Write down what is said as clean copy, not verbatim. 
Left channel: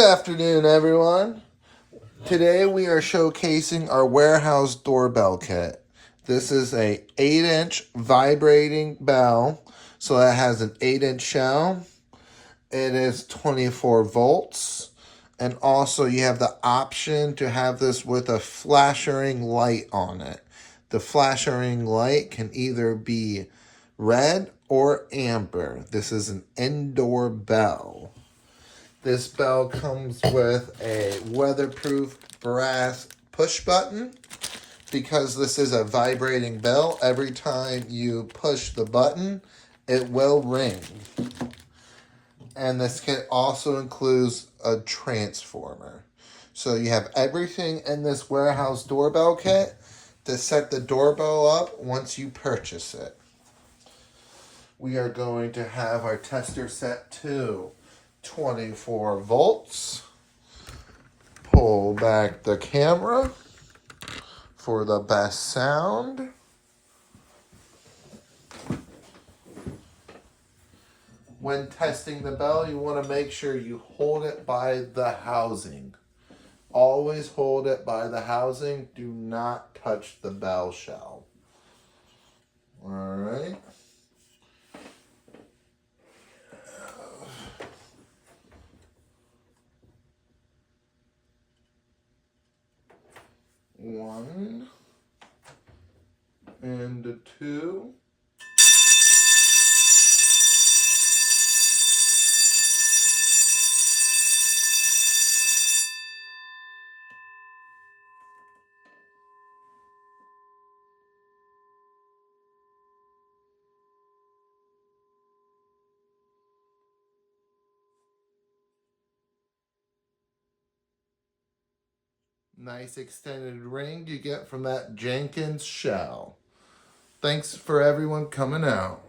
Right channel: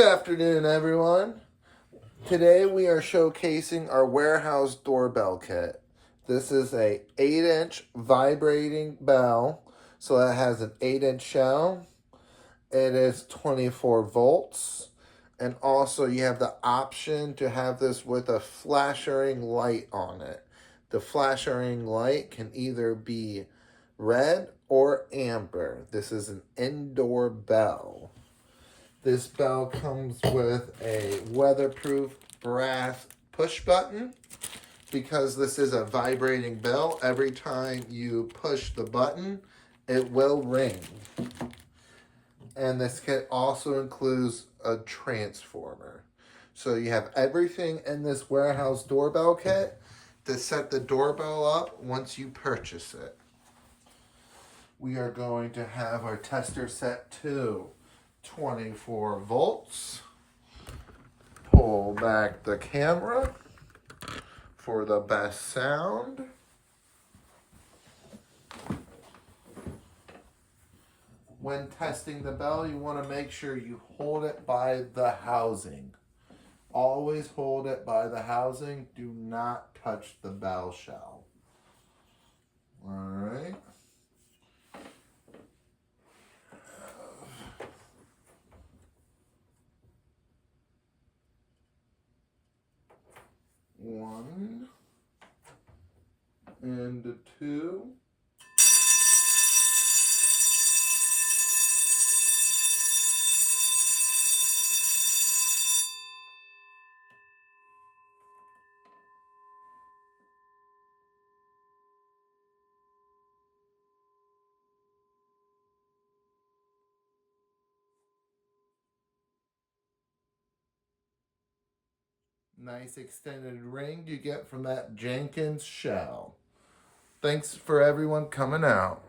Good afternoon, everyone. Today we are showcasing our Warehouse Doorbell Kit. This is a 8-inch vibrating bell, so that has an 8-inch shell. It is 24 volts, and also you have the option to have this with a flashering light on it. The flashering light can either be red or amber. This is an indoor bell. This bell comes with a weatherproof brass push button. Because this is a vibrating bell, every time you push the button, it will ring. And this kit also includes a transformer. So you have everything in this Warehouse Doorbell Kit to set the doorbell up once you purchase it. We are going to have our tester set to 24 volts. Pull back the camera for the best sound. When testing the bell, you want to make sure you hold it by the housing. Always hold it by the housing. Do not touch the bell shell. All right. One and two. Nice extended ring you get from that Jenkins shell. Thanks for everyone coming out.